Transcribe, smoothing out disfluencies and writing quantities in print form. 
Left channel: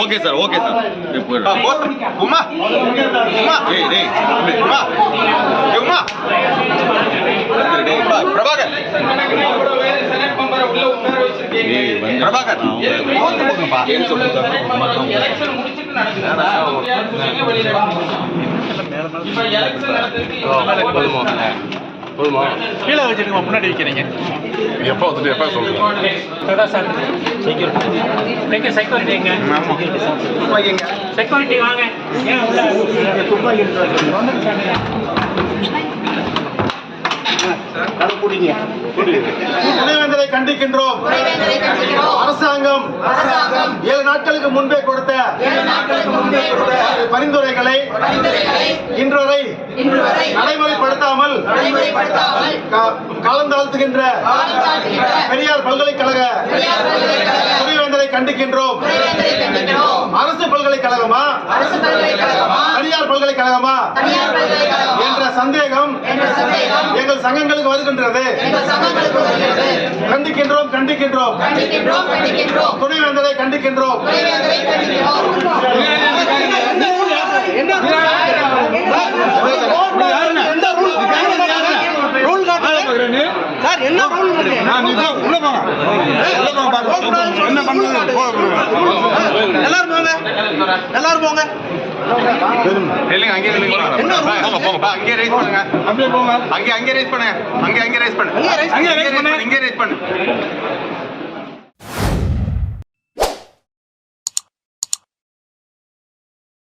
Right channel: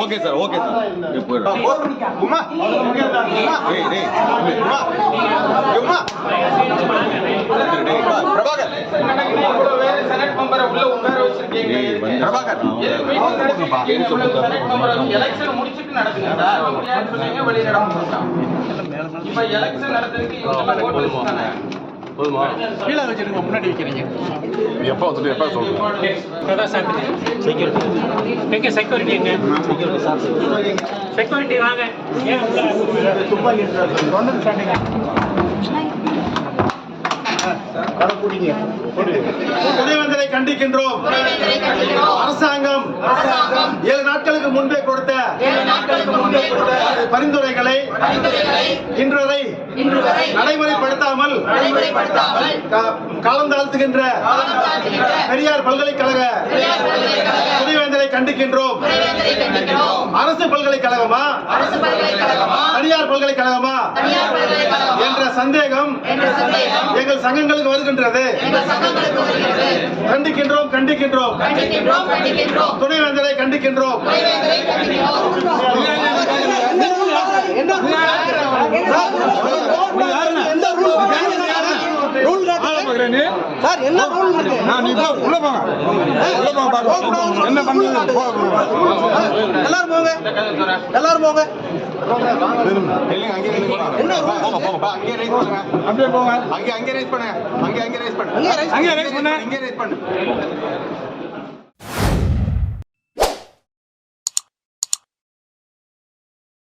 Okay sir okay sir Uma ஏய் டேய் Uma Uma Prabhakar senate member உள்ள உட்கார வச்சிருக்கீங்க பிரபாகர் போங்கப்பா எலெக்ஷன் முடிச்சிட்டு நடக்குது வெளிய நடக்குது இப்ப எலெக்ஷன் நடக்குது போதுமா கீழே வச்சிருக்க முன்னாடி வைக்கிறீங்க எப்போ வந்துட்டு எப்போ சொல்லுங்க செக்யூரிட்டி எங்க செக்யூரிட்டி வாங்க துணைவேந்தரை கண்டிக்கின்றோம். அரசாங்கம் 7 நாட்களுக்கு முன்பே கொடுத்த பரிந்துரைகளை இன்று வரை நடைமுறைப்படுத்தாமல் காலந்தாழ்த்துகின்ற பெரியார் பல்கலைக்கழக துணைவேந்தரை கண்டிக்கின்றோம். அரசு பல்கலைக்கழகமா தனியார் பல்கலைக்கழகமா என்ற சந்தேகம் எங்கள் சங்கங்களுக்கு வருகின்றது. கண்டிக்கின்றோம் கண்டிக்கின்றோம் துணைவேந்தரை கண்டிக்கின்றோம். எல்லாரும் போங்க அங்கே ரைஸ் பண்ணுங்க அங்கே ரைஸ் பண்ணுங்க அங்கே ரைஸ் பண்ணு